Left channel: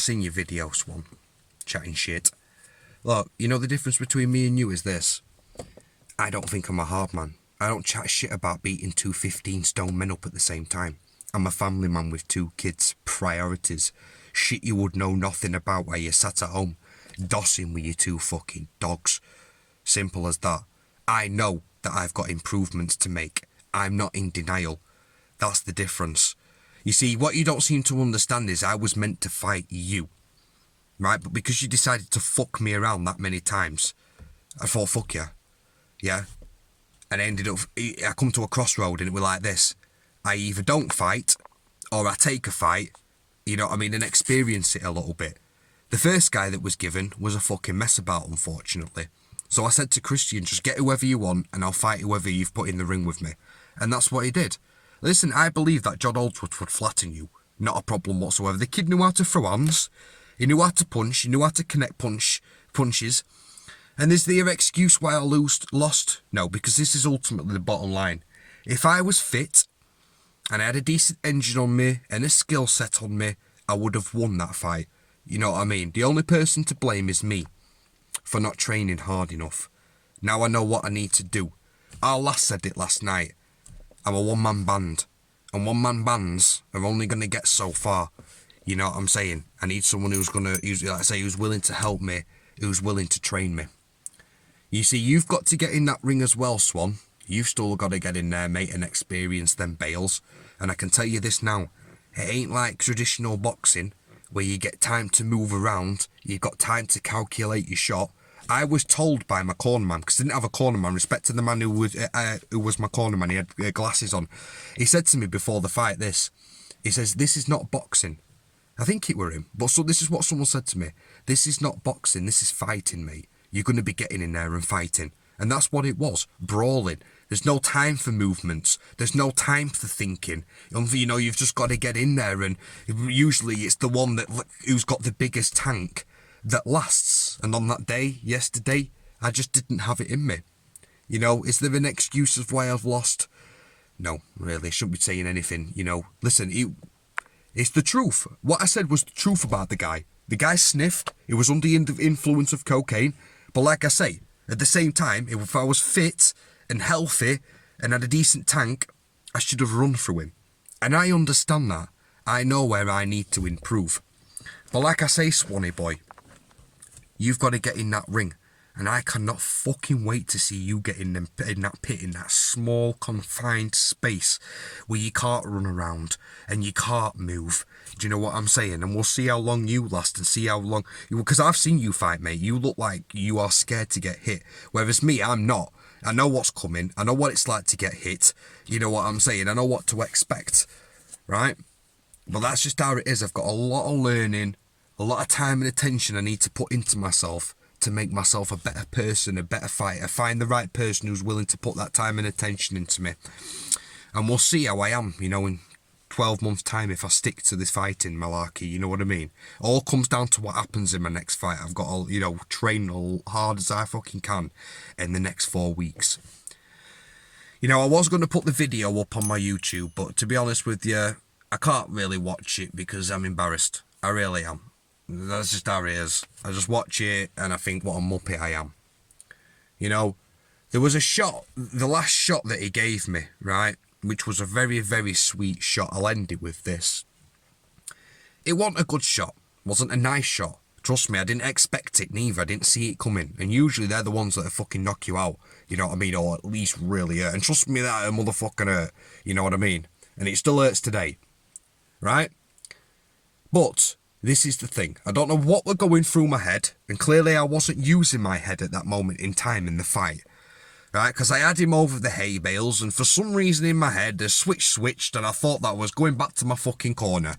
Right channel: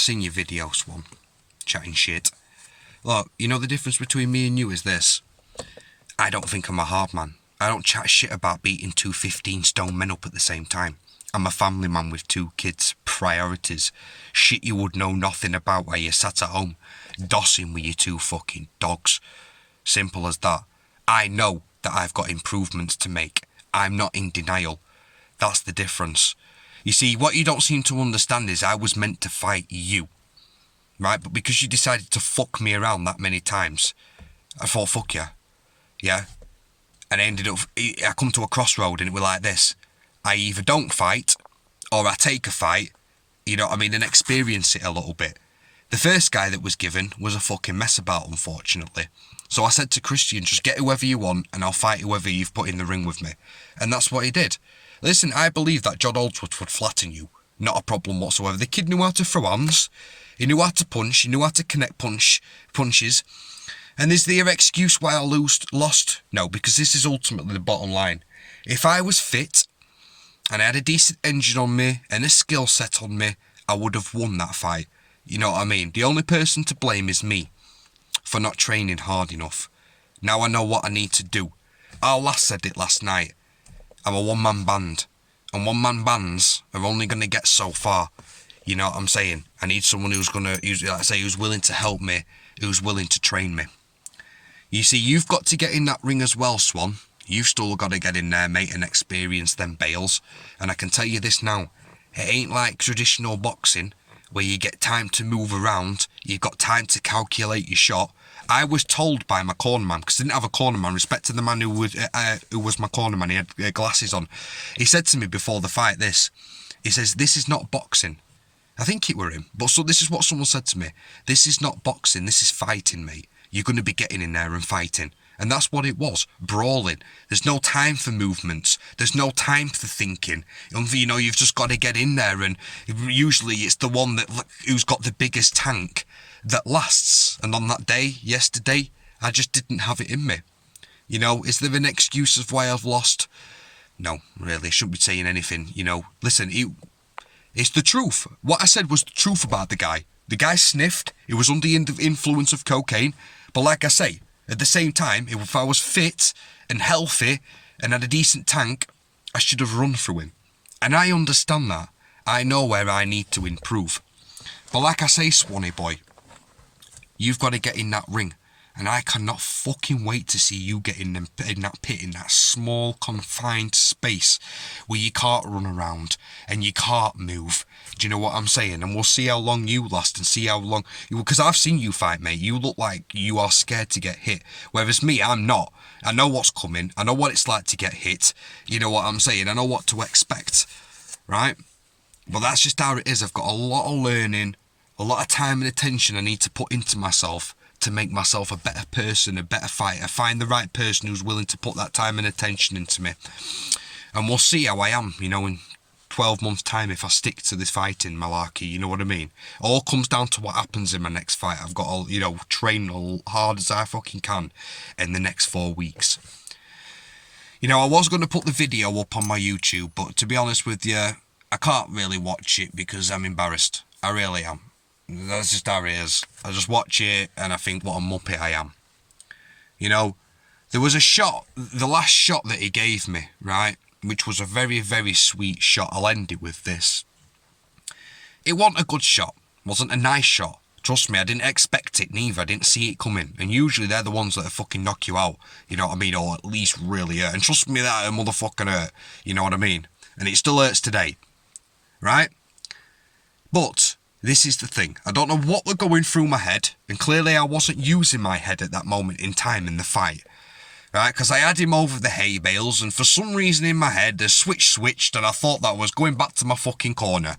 seen your video, Swan. Chatting shit. Look, you know the difference between me and you is this. I don't think I'm a hard man. I don't chat shit about beating two 15-stone men up at the same time. I'm a family man with 2 kids, priorities, shit you would know nothing about while you sat at home, dossing with your 2 fucking dogs. Simple as that. I know that I've got improvements to make. I'm not in denial. That's the difference. You see, what you don't seem to understand is I was meant to fight you. Right? But because you decided to fuck me around that many times, I thought, fuck you. Yeah? And I come to a crossroad and it was like this. I either don't fight, or I take a fight, you know what I mean, and experience it a little bit. The first guy that was given was a fucking mess about, unfortunately. So I said to Christian, just get whoever you want, and I'll fight whoever you've put in the ring with me. And that's what he did. Listen, I believe that John Holdsworth would flatten you. Not a problem whatsoever. The kid knew how to throw hands. He knew how to punch. He knew how to connect punches. And is there an excuse why I lost? No, because this is ultimately the bottom line. If I was fit, and I had a decent engine on me and a skill set on me, I would have won that fight. You know what I mean? The only person to blame is me for not training hard enough. Now I know what I need to do. Our lass said it last night. I'm a one-man band. And one-man bands are only going to get so far. You know what I'm saying? I need someone who's willing to help me, who's willing to train me. You see, you've got to get in that ring as well, Swan. You've still got to get in there, mate, and experience them bales. And I can tell you this now. It ain't like traditional boxing, where you get time to move around, you've got time to calculate your shot. I was told by my cornerman, because I didn't have a cornerman, respect to the man who was my cornerman, he had glasses on. He said to me before the fight this, he says, this is not boxing. I think it were him, but so this is what someone said to me. This is not boxing, this is fighting, mate. You're going to be getting in there and fighting. And that's what it was, brawling. There's no time for movements. There's no time for thinking. You know, you've just got to get in there, and usually it's the one who's got the biggest tank that lasts. And on that day, yesterday, I just didn't have it in me. You know, is there an excuse of why I've lost? No, really, I shouldn't be saying anything. You know, listen, it's the truth. What I said was the truth about the guy. The guy sniffed. He was under the influence of cocaine. But like I say, at the same time, if I was fit and healthy and had a decent tank, I should have run through him. And I understand that. I know where I need to improve. But like I say, Swanee boy, you've got to get in that ring. And I cannot fucking wait to see you get in that pit, in that small, confined space where you can't run around and you can't move. Do you know what I'm saying? And we'll see how long you last and see how long... Because I've seen you fight, mate. You look like you are scared to get hit. Whereas me, I'm not. I know what's coming. I know what it's like to get hit. You know what I'm saying? I know what to expect. Right? But that's just how it is. I've got a lot of learning, a lot of time and attention I need to put into myself to make myself a better person, a better fighter, find the right person who's willing to put that time and attention into me. And we'll see how I am, you know, in 12 months' time if I stick to this fighting malarkey, you know what I mean? All comes down to what happens in my next fight. I've got to, you know, train as hard as I fucking can in the next 4 weeks. You know, I was going to put the video up on my YouTube, but to be honest with you, I can't really watch it because I'm embarrassed. I really am. That's just how it is. I just watch it and I think what a muppet I am. You know, there was a shot, the last shot that he gave me, right, which was a very, very sweet shot. I'll end it with this. It wasn't a good shot. It wasn't a nice shot. Trust me, I didn't expect it neither. I didn't see it coming. And usually they're the ones that fucking knock you out. You know what I mean? Or at least really hurt. And trust me, that motherfucking hurt. You know what I mean? And it still hurts today. Right? But... this is the thing. I don't know what was going through my head, and clearly I wasn't using my head at that moment in time in the fight. Right, because I had him over the hay bales, and for some reason in my head, the switch switched, and I thought that I was going back to my fucking corner.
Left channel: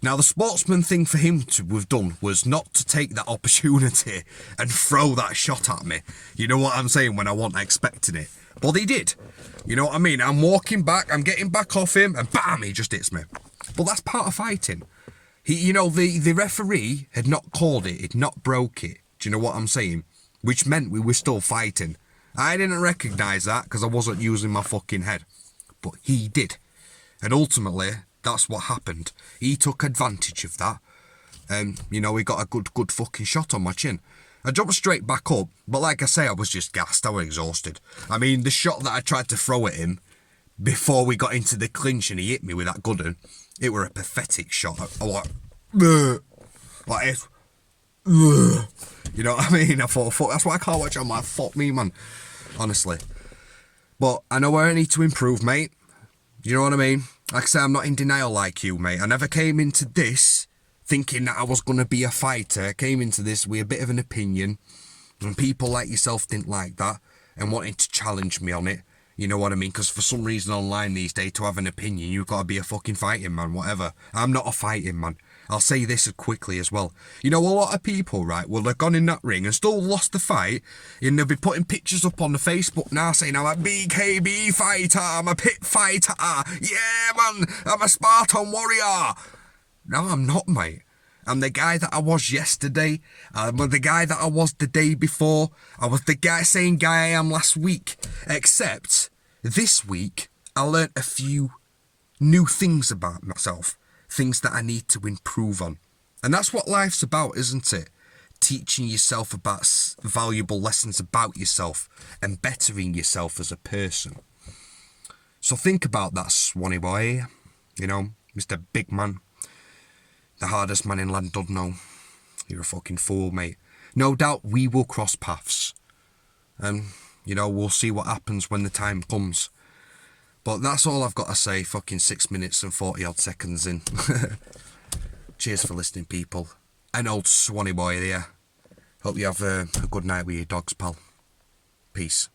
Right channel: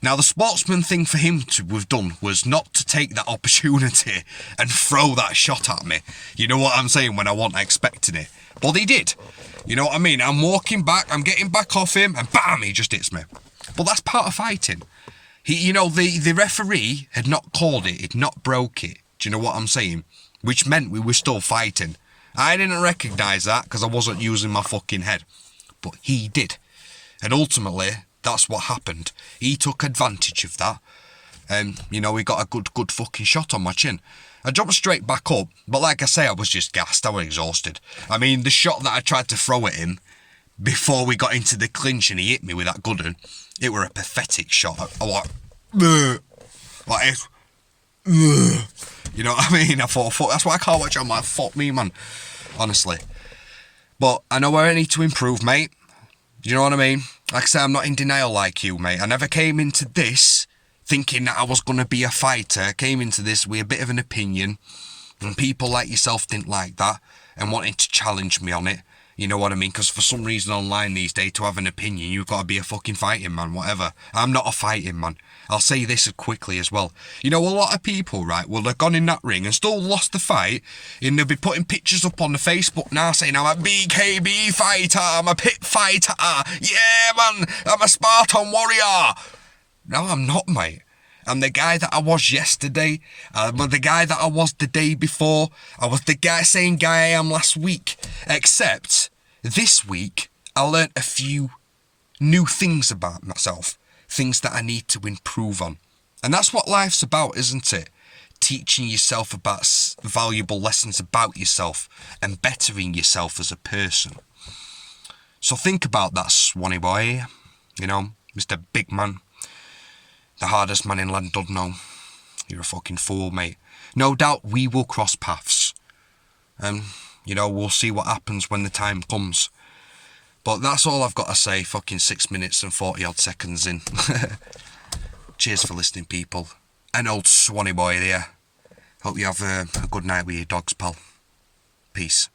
Now, the sportsman thing for him to have done was not to take that opportunity and throw that shot at me. You know what I'm saying, when I wasn't expecting it. But he did. You know what I mean? I'm walking back, I'm getting back off him, and bam, he just hits me. But that's part of fighting. You know, the referee had not called it, had not broke it. Do you know what I'm saying? Which meant we were still fighting. I didn't recognise that because I wasn't using my fucking head. But he did. And ultimately, that's what happened. He took advantage of that. And, you know, he got a good fucking shot on my chin. I jumped straight back up, but like I say, I was just gassed. I was exhausted. I mean, the shot that I tried to throw at him before we got into the clinch and he hit me with that good one, it were a pathetic shot. I like, bleh. Like it's, bleh. You know what I mean? I thought, fuck, that's why I can't watch it. I'm like, fuck me, man. Honestly. But I know where I need to improve, mate. You know what I mean? Like I say, I'm not in denial like you, mate. I never came into this thinking that I was going to be a fighter. I came into this with a bit of an opinion, and people like yourself didn't like that and wanted to challenge me on it. You know what I mean? Because for some reason online these days, to have an opinion, you've got to be a fucking fighting man, whatever. I'm not a fighting man. I'll say this quickly as well. You know, a lot of people, right, will have gone in that ring and still lost the fight, and they'll be putting pictures up on the Facebook now saying, I'm a BKB fighter, I'm a pit fighter, yeah, man, I'm a Spartan warrior. No, I'm not, mate. I'm the guy that I was yesterday. I'm the guy that I was the day before. I was the same guy I am last week. Except, this week, I learnt a few new things about myself. Things that I need to improve on. And that's what life's about, isn't it? Teaching yourself about valuable lessons about yourself and bettering yourself as a person. So think about that, Swanee boy. You know, Mr. Big Man. The hardest man in Llandudno. You're a fucking fool, mate. No doubt we will cross paths. You know, we'll see what happens when the time comes. But that's all I've got to say, fucking 6 minutes and 40 odd seconds in. Cheers for listening, people. An old Swanee boy there. Hope you have a good night with your dogs, pal. Peace.